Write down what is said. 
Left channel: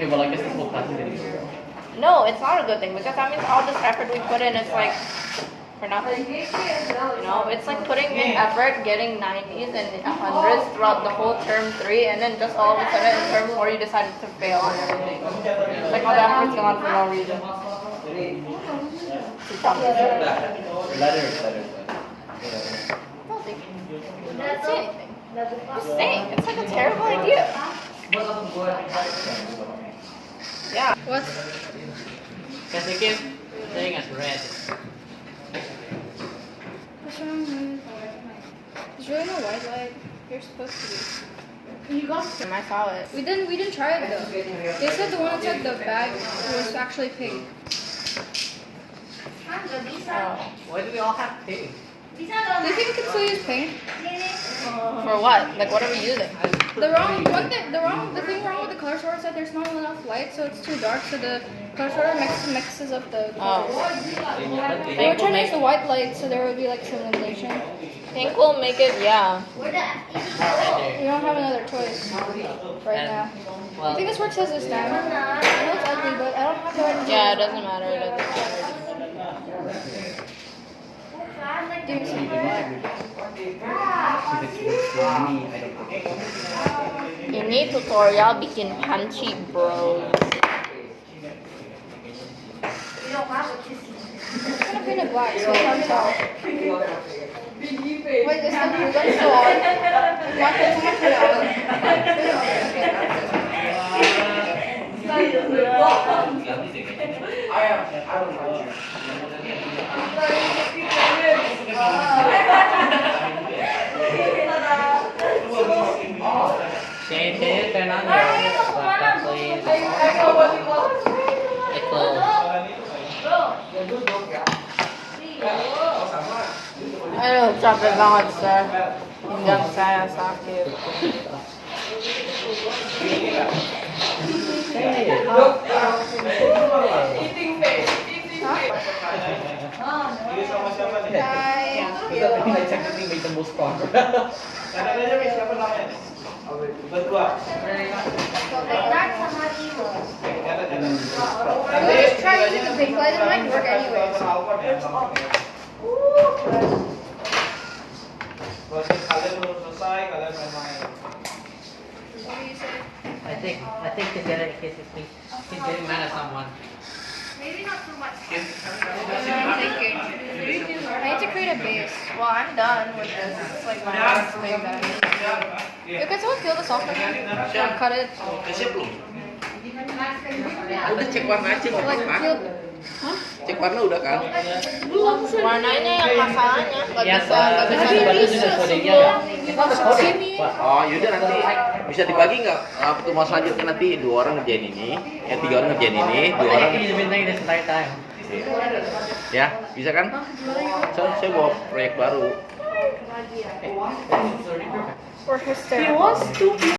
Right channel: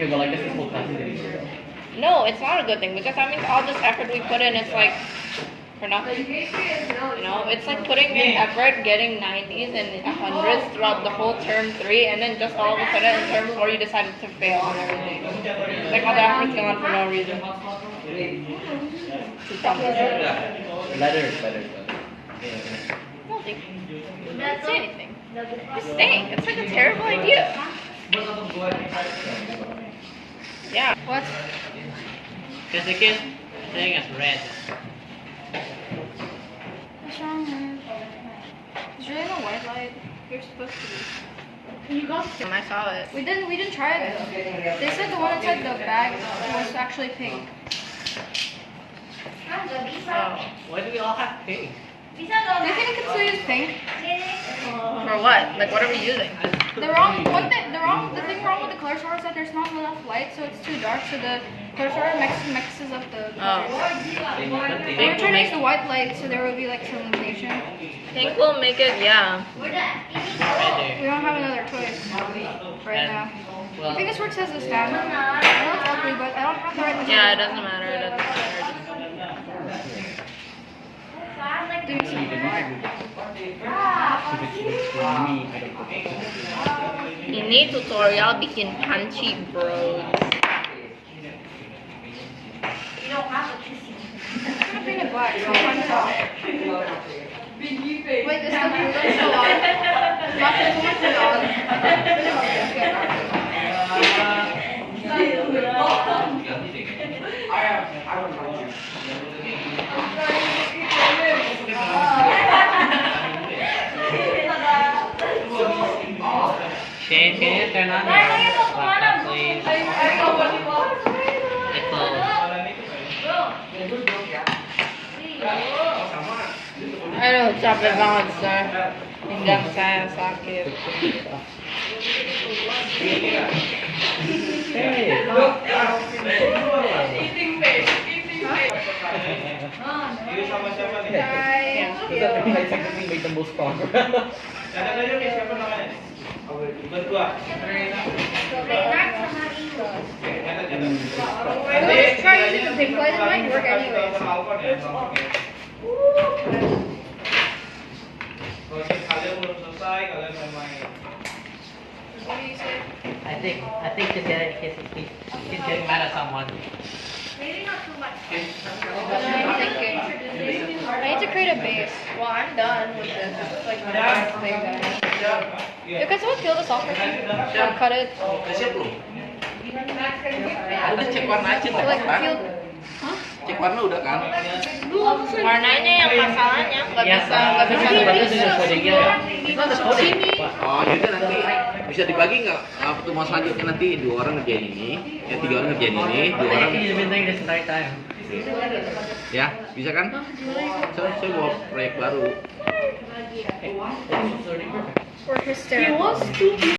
Okay, well, I guess this whole class is idiots. No, it's not a good thing because that means all this effort we put in is like for nothing. You know, it's like putting in effort, getting 90s and 100s throughout the whole term 3, and then just all of a sudden in term 4 you decided to fail on everything. It's like all the effort's gone for no reason. Letters. Nothing. Don't say anything. Just saying. It's like a terrible idea. Yeah. What? The second thing is red. What's wrong with? There's really no white light. You're supposed to be. You got it. I saw it. We didn't try it though. They said the one inside the bag was actually pink. Oh. Why do we all have pink? Do you think we can still use pink? For what? Like what are we using? The thing wrong with the color sorter is that there's not enough light, so it's too dark. So the color sorter mixes up the colors. We're trying to use the white light, so there will be like some illumination. Pink will make it, yeah. We don't have another choice right now. I think this works as a stand. I know it's ugly, but I don't have the right material. Yeah, it doesn't matter. It doesn't matter. Give me some. Ini tutorial bikin panci, bro. I'm gonna paint it black so I can tell. Wait, this stuff is so out. It's not going to put it on. Pretty much just get Can you turn on your laptop, please? Aduh, capek banget, sir. Pinggang saya sakit. Just try using the big light. It might work anyways. What do you say? I think to get it, he's getting mad at someone. Maybe not too much. I'm thinking. I need to create a base. Well, I'm done with this. This is like my last thing that I need to do. You can someone peel this off for me? Or cut it? Udah siap belum? Udah cek warna aja lah Like, kan? peel. Cek warna udah kan? Warnanya yang masalahnya nggak bisa Oh yaudah nanti bisa dibagi nggak? Pertemuan selanjutnya nanti 2 orang ngerjain ini, 3 orang ngerjain ini, 2 orang. Ya bisa kan? Saya bawa proyek baru. For hysteria.